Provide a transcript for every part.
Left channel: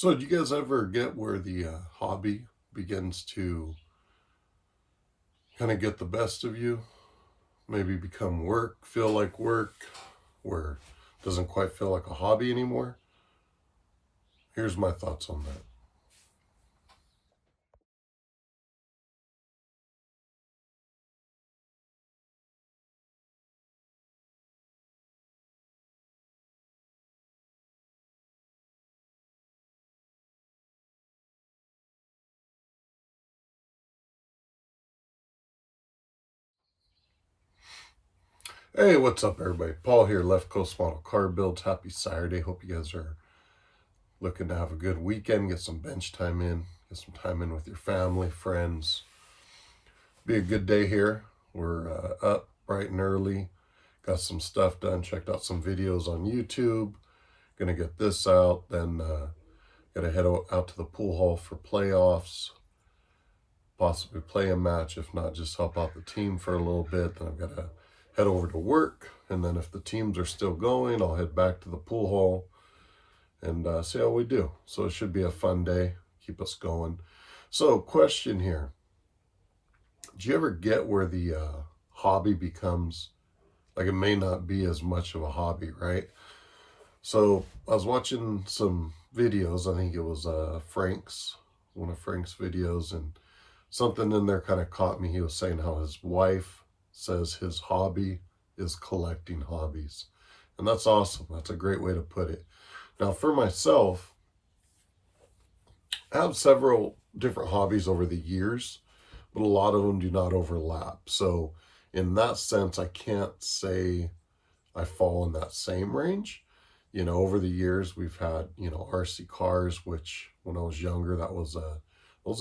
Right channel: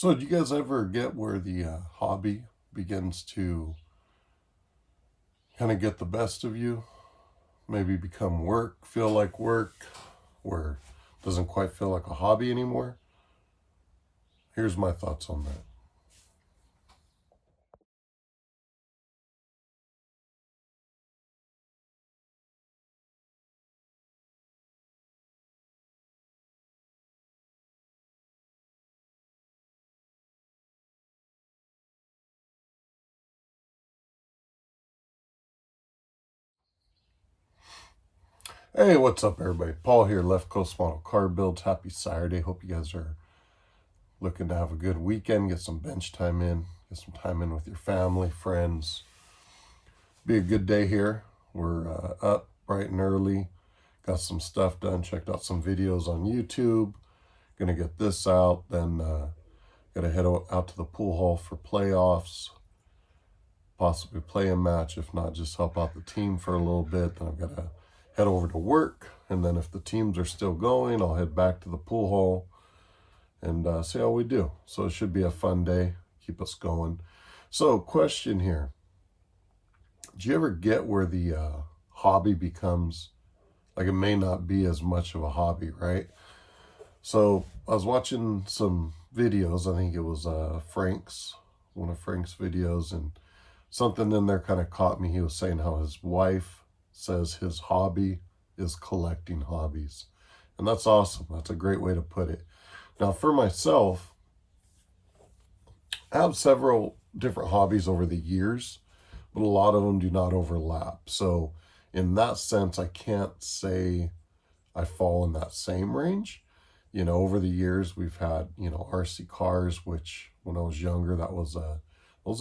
So do you guys ever get where the hobby begins to kind of get the best of you? Maybe become work, feel like work, where it doesn't quite feel like a hobby anymore? Here's my thoughts on that. Hey, what's up everybody? Paul here, Left Coast Model Car Builds. Happy Saturday. Hope you guys are looking to have a good weekend, get some bench time in, get some time in with your family, friends. Be a good day here. We're up bright and early, got some stuff done, checked out some videos on YouTube. Gonna get this out, then gotta head out to the pool hall for playoffs, possibly play a match. If not, just help out the team for a little bit. Then I've gotta head over to work, and then if the teams are still going, I'll head back to the pool hall and see how we do. So it should be a fun day, keep us going. So question here, do you ever get where the hobby becomes, like, it may not be as much of a hobby, right? So I was watching some videos, I think it was one of Frank's videos, and something in there kind of caught me. He was saying how his wife says his hobby is collecting hobbies. And that's awesome. That's a great way to put it. Now for myself, I have several different hobbies over the years, but a lot of them do not overlap. So in that sense, I can't say I fall in that same range. You know, over the years, we've had, RC cars, which when I was younger, that was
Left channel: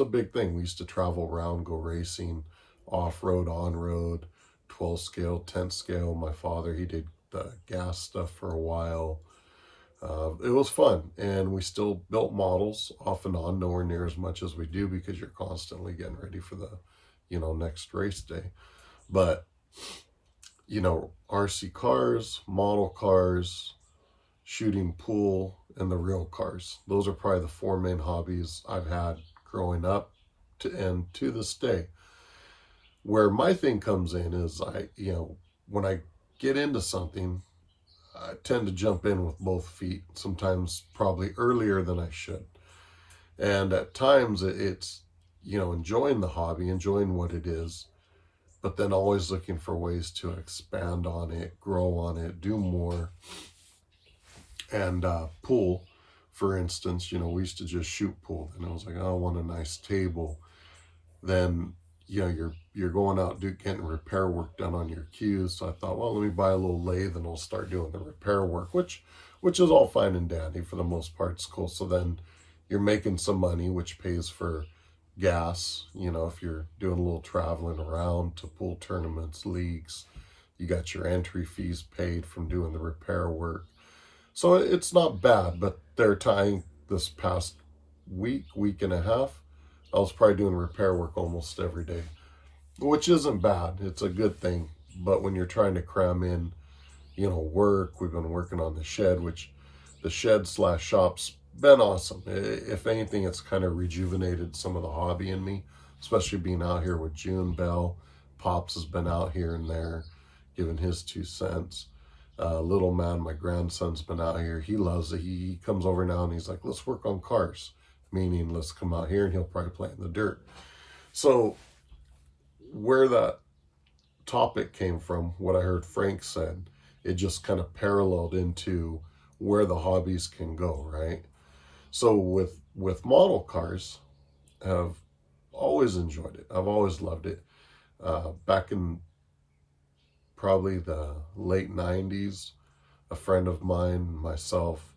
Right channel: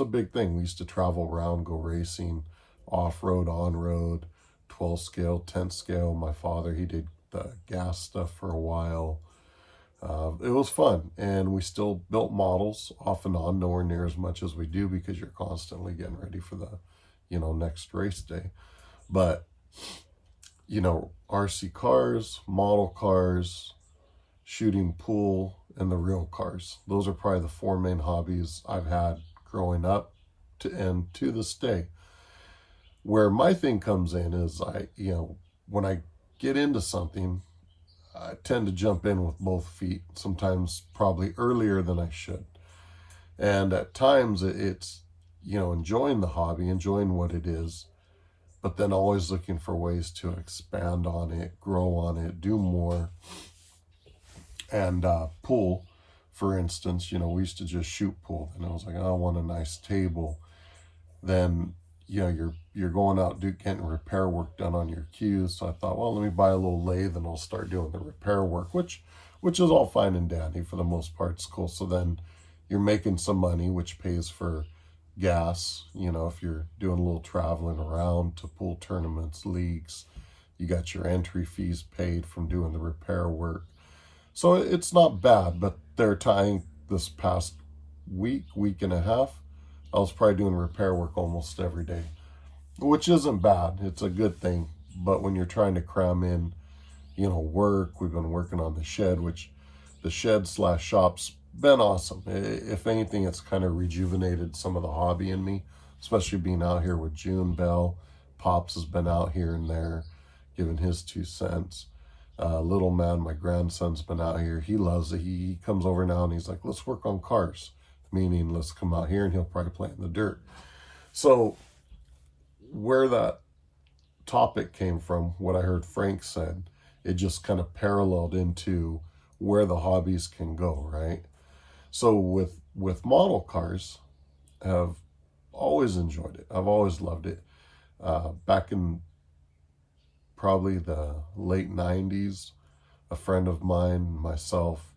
a big thing. We used to travel around, go racing, off-road, on-road, 12 scale, 10 scale. My father, he did the gas stuff for a while. It was fun, and we still built models off and on, nowhere near as much as we do because you're constantly getting ready for the, next race day. But, RC cars, model cars, shooting pool, and the real cars. Those are probably the four main hobbies I've had growing up and to this day. Where my thing comes in is when I get into something, I tend to jump in with both feet, sometimes probably earlier than I should. And at times it's, enjoying the hobby, enjoying what it is, but then always looking for ways to expand on it, grow on it, do more. And pool, for instance, we used to just shoot pool, and I was like, oh, I want a nice table. Then, you're going out getting repair work done on your cues. So I thought, well, let me buy a little lathe and I'll start doing the repair work, which is all fine and dandy for the most part. It's cool. So then you're making some money, which pays for gas. If you're doing a little traveling around to pool tournaments, leagues, you got your entry fees paid from doing the repair work. So it's not bad, but they're tying this past week and a half, I was probably doing repair work almost every day, which isn't bad. It's a good thing. But when you're trying to cram in, work, we've been working on the shed, which the shed/shop's been awesome. If anything, it's kind of rejuvenated some of the hobby in me, especially being out here with June Bell. Pops has been out here and there, giving his 2 cents. Little man, my grandson's been out here. He loves it. He comes over now and he's like, let's work on cars. Meaning, let's come out here, and he'll probably play in the dirt. So where that topic came from, what I heard Frank said, it just kind of paralleled into where the hobbies can go, right? So with model cars, I've always enjoyed it. I've always loved it. Back in probably the late 90s, a friend of mine, myself,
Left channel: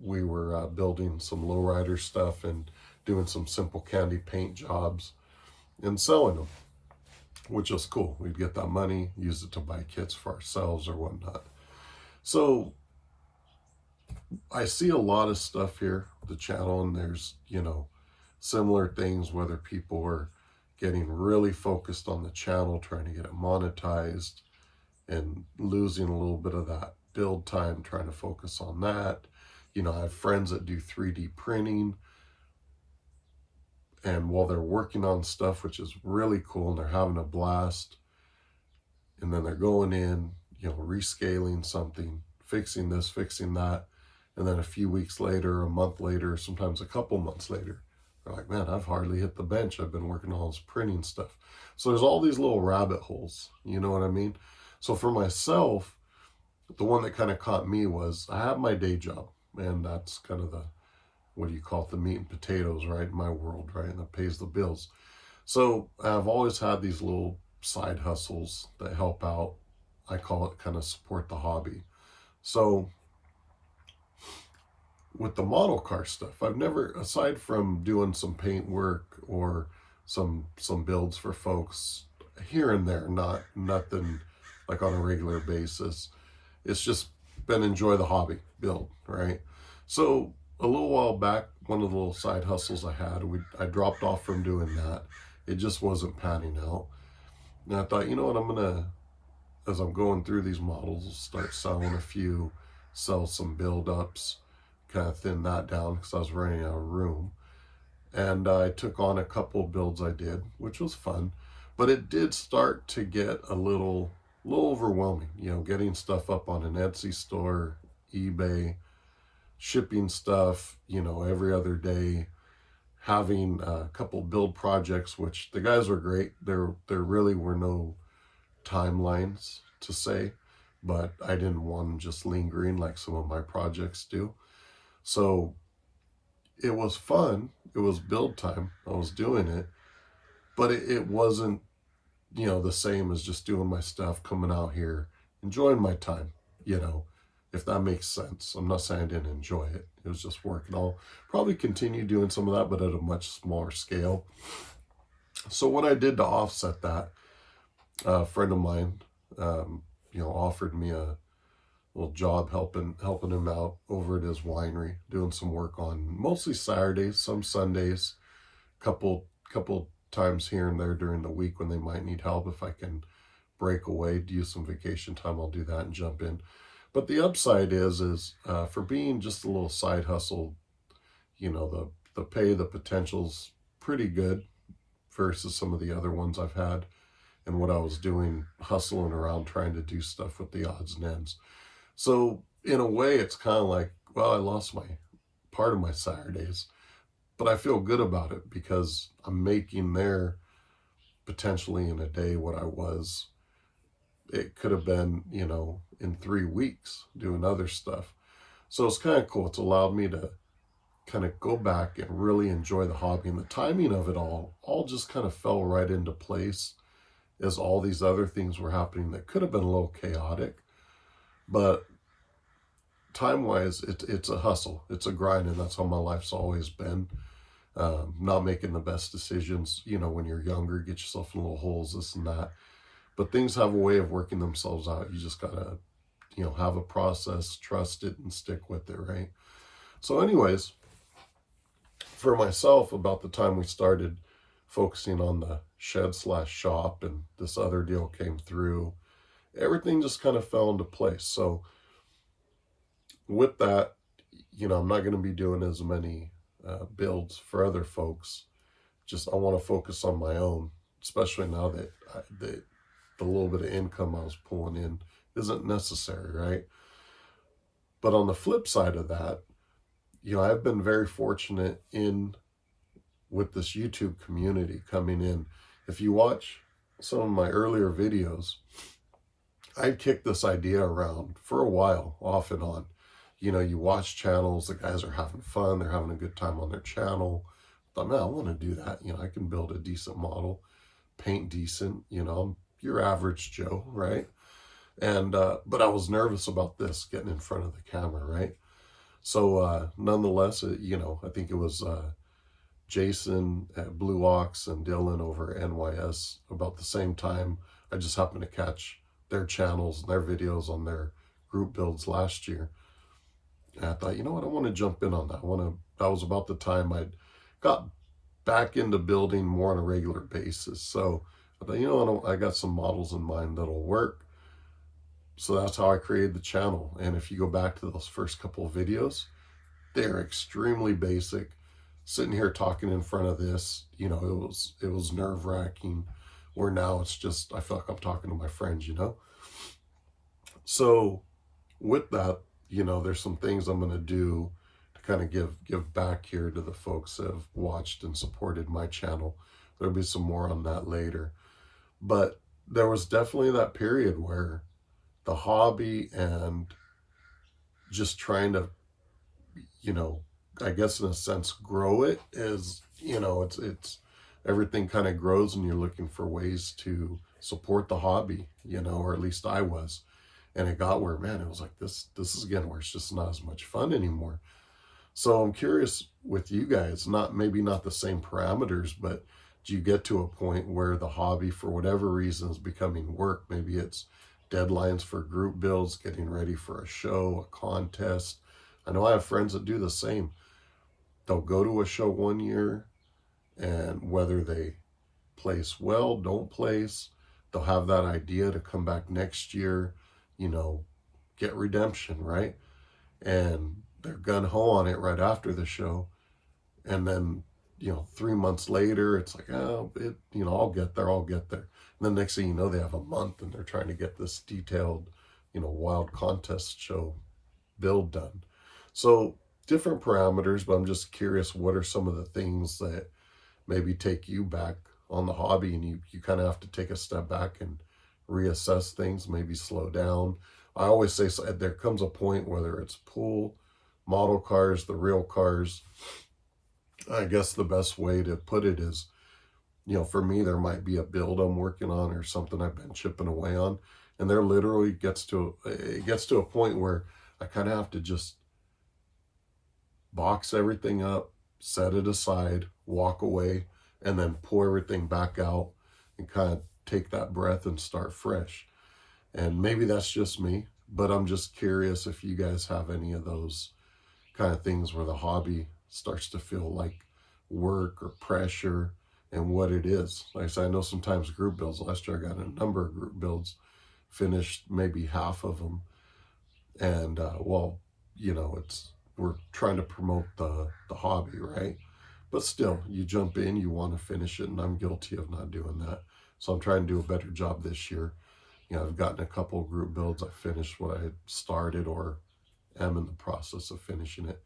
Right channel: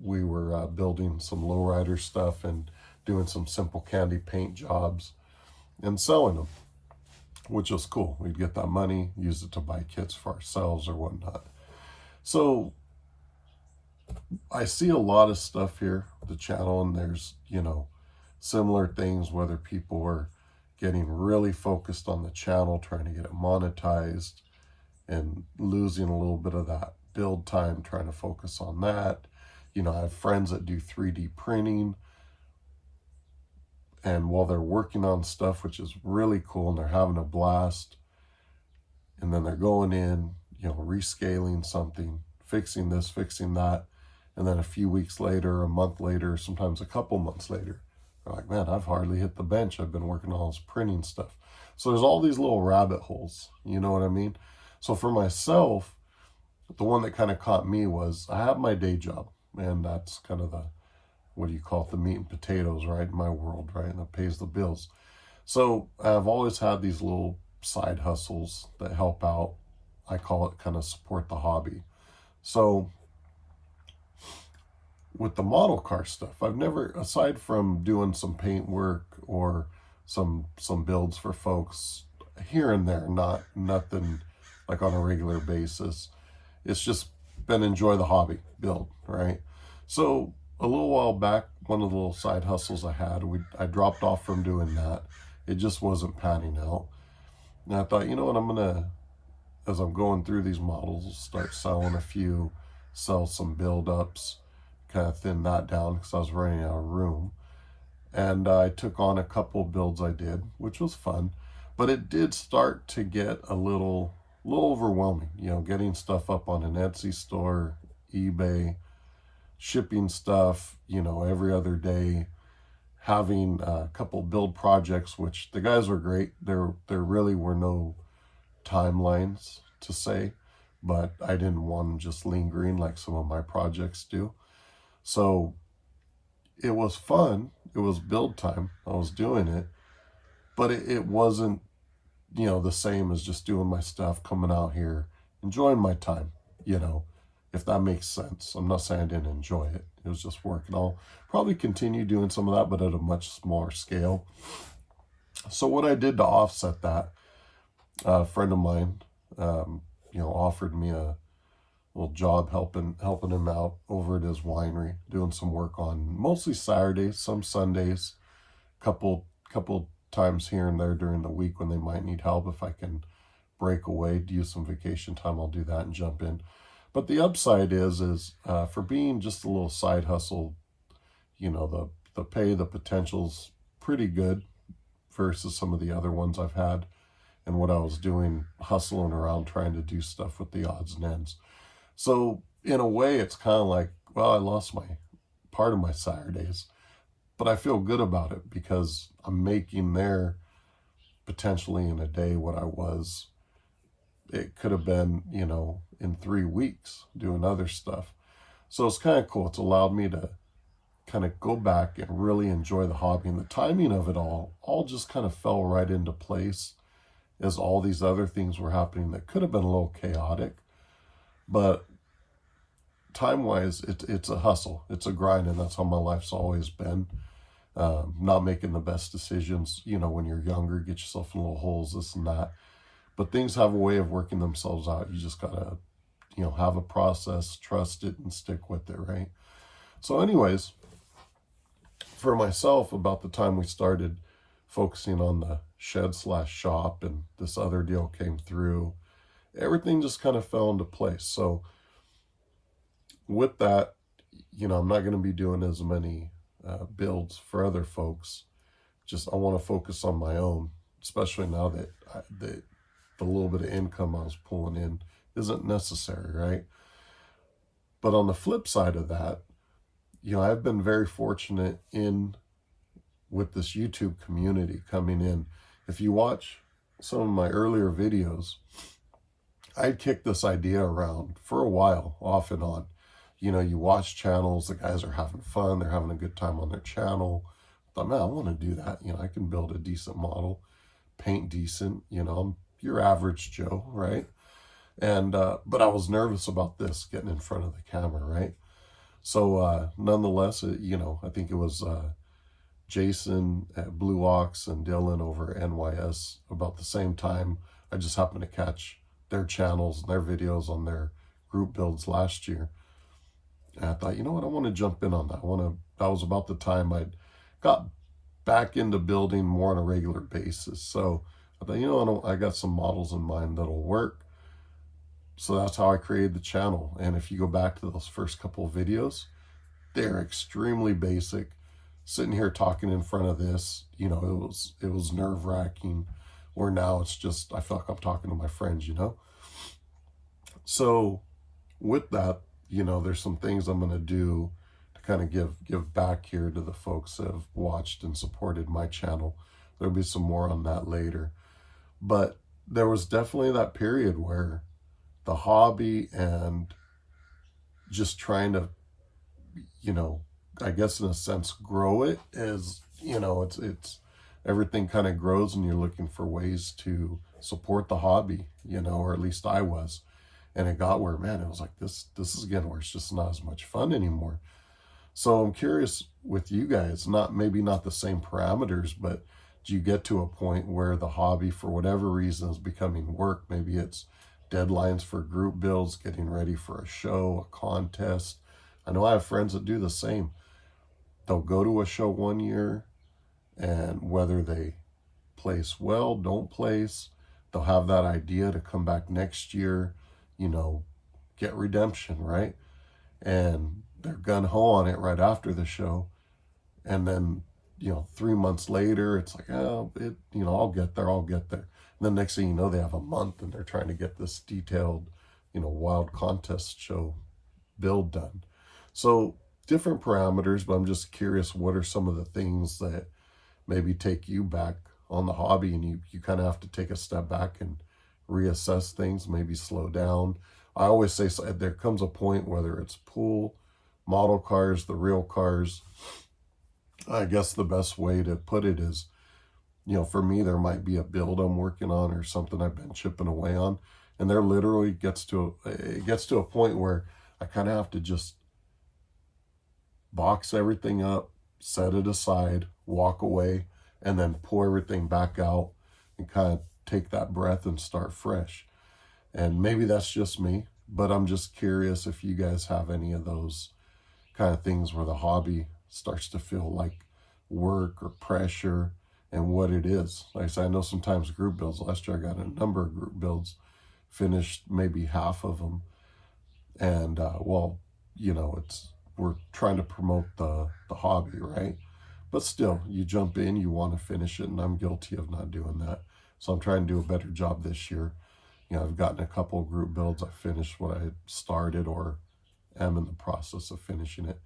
we were building some lowrider stuff and doing some simple candy paint jobs and selling them, which was cool. We'd get that money, use it to buy kits for ourselves or whatnot. So I see a lot of stuff here, the channel, and there's, similar things, whether people are getting really focused on the channel, trying to get it monetized and losing a little bit of that build time, trying to focus on that. You know, I have friends that do 3D printing, and while they're working on stuff, which is really cool, and they're having a blast, and then they're going in, you know, rescaling something, fixing this, fixing that, and then a few weeks later, a month later, sometimes a couple months later, they're like, man, I've hardly hit the bench. I've been working on all this printing stuff. So there's all these little rabbit holes, you know what I mean? So for myself, the one that kind of caught me was I have my day job, and that's kind of the, what do you call it, the meat and potatoes, right, in my world, right, and that pays the bills. So I've always had these little side hustles that help out. I call it kind of support the hobby. So with the model car stuff, I've never, aside from doing some paint work or some builds for folks here and there, nothing like on a regular basis. It's just been enjoy the hobby, build, right? So a little while back, one of the little side hustles I had, I dropped off from doing that. It just wasn't panning out. And I thought, you know what, I'm gonna, as I'm going through these models, start selling a few, sell some build-ups, kind of thin that down because I was running out of room. And I took on a couple of builds I did, which was fun, but it did start to get a little overwhelming, you know, getting stuff up on an Etsy store, eBay, shipping stuff, you know, every other day, having a couple build projects, which the guys were great. There really were no timelines to say, but I didn't want them just lingering like some of my projects do. So it was fun. It was build time. I was doing it, but it wasn't, you know, the same as just doing my stuff, coming out here, enjoying my time, you know, if that makes sense. I'm not saying I didn't enjoy it. It was just work, and I'll probably continue doing some of that, but at a much smaller scale. So what I did to offset that, a friend of mine, you know, offered me a little job helping him out over at his winery, doing some work on mostly Saturdays, some Sundays, couple times here and there during the week when they might need help. If I can break away, use some vacation time, I'll do that and jump in. But the upside is for being just a little side hustle, you know, the pay, the potential's pretty good versus some of the other ones I've had, and what I was doing, hustling around trying to do stuff with the odds and ends. So in a way, it's kind of like, well, I lost my part of my Saturdays, but I feel good about it because I'm making there potentially in a day what I was. It could have been, you know, in 3 weeks doing other stuff. So it's kind of cool. It's allowed me to kind of go back and really enjoy the hobby, and the timing of it all just kind of fell right into place as all these other things were happening that could have been a little chaotic. But time-wise, it's a hustle. It's a grind, and that's how my life's always been. Not making the best decisions, you know, when you're younger, get yourself in little holes, this and that. But things have a way of working themselves out. You just gotta, you know, have a process, trust it, and stick with it, right? So anyways, for myself, about the time we started focusing on the shed/shop and this other deal came through, everything just kind of fell into place. So with that, you know, I'm not going to be doing as many builds for other folks. Just I want to focus on my own, especially now that the little bit of income I was pulling in isn't necessary, right? But on the flip side of that, you know, I've been very fortunate with this YouTube community coming in. If you watch some of my earlier videos, I kicked this idea around for a while, off and on. You know, you watch channels, the guys are having fun, they're having a good time on their channel. I thought, man, I want to do that. You know, I can build a decent model, paint decent, you know, I'm your average Joe, right? And, but I was nervous about this, getting in front of the camera, right? So, nonetheless, you know, I think it was Jason at Blue Ox and Dylan over at NYS about the same time. I just happened to catch their channels and their videos on their group builds last year. And I thought, you know what, I want to jump in on that. That was about the time I got back into building more on a regular basis. So I thought, you know, I got some models in mind that'll work. So that's how I created the channel. And if you go back to those first couple of videos, They're extremely basic. Sitting here talking in front of this, you know, it was nerve-wracking, where now it's just, I feel like I'm talking to my friends, you know? So with that, you know, there's some things I'm going to do to kind of give back here to the folks that have watched and supported my channel. There'll be some more on that later. But there was definitely that period where the hobby and just trying to, you know, I guess in a sense, grow it is, you know, it's everything kind of grows and you're looking for ways to support the hobby, you know, or at least I was. And it got where, man, it was like, this is again where it's just not as much fun anymore. So I'm curious with you guys, maybe not the same parameters, but do you get to a point where the hobby, for whatever reason, is becoming work? Maybe it's deadlines for group builds, getting ready for a show, a contest. I know I have friends that do the same. They'll go to a show one year, and whether they place well, don't place, they'll have that idea to come back next year, you know, get redemption, right? And they're gung-ho on it right after the show. And then, you know, 3 months later, it's like, oh, you know, I'll get there. And then next thing you know, they have a month and they're trying to get this detailed, you know, wild contest show build done. So different parameters, but I'm just curious, what are some of the things that maybe take you back on the hobby, and you kind of have to take a step back and reassess things, maybe slow down. I always say, so there comes a point, whether it's pool, model cars, the real cars, I guess the best way to put it is, you know, for me, there might be a build I'm working on or something I've been chipping away on, and there literally gets to a point where I kind of have to just box everything up, set it aside, walk away, and then pull everything back out and kind of take that breath and start fresh. And maybe that's just me, but I'm just curious if you guys have any of those kind of things where the hobby starts to feel like work or pressure, and what it is. Like I said, I know sometimes group builds, last year I got a number of group builds, finished maybe half of them. And well, you know, we're trying to promote the hobby, right? But still, you jump in, you want to finish it, and I'm guilty of not doing that. So I'm trying to do a better job this year. You know, I've gotten a couple of group builds. I finished what I had started or am in the process of finishing it.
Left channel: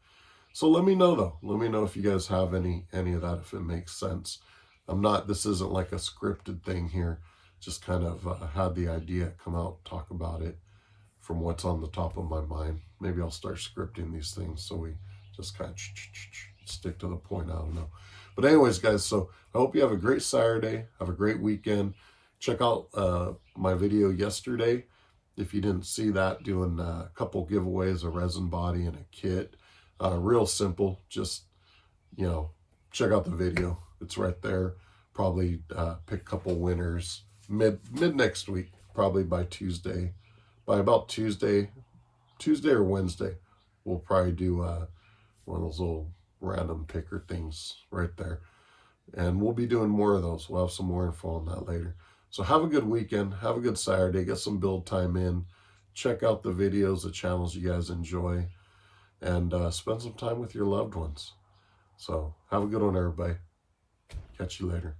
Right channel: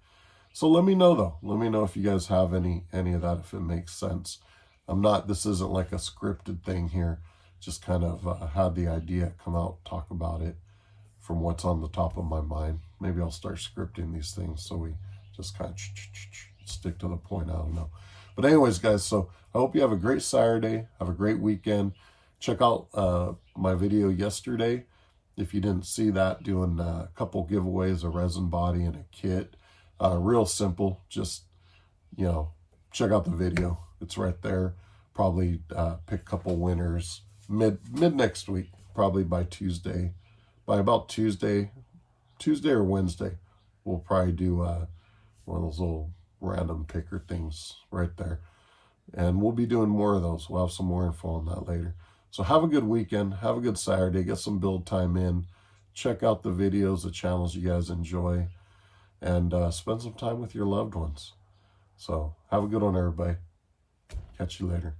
So let me know, though. Let me know if you guys have any of that, if it makes sense. This isn't like a scripted thing here. Just kind of had the idea, come out, talk about it from what's on the top of my mind. Maybe I'll start scripting these things so we just kind of stick to the point. I don't know. But anyways, guys, so I hope you have a great Saturday. Have a great weekend. Check out my video yesterday. If you didn't see that, doing a couple giveaways, a resin body and a kit. Real simple. Just, you know, check out the video. It's right there. Probably pick a couple winners mid next week, probably by Tuesday. By about Tuesday or Wednesday, we'll probably do one of those little random picker things right there. And we'll be doing more of those. We'll have some more info on that later. So have a good weekend. Have a good Saturday. Get some build time in. Check out the videos, the channels you guys enjoy. And spend some time with your loved ones. So have a good one, everybody. Catch you later.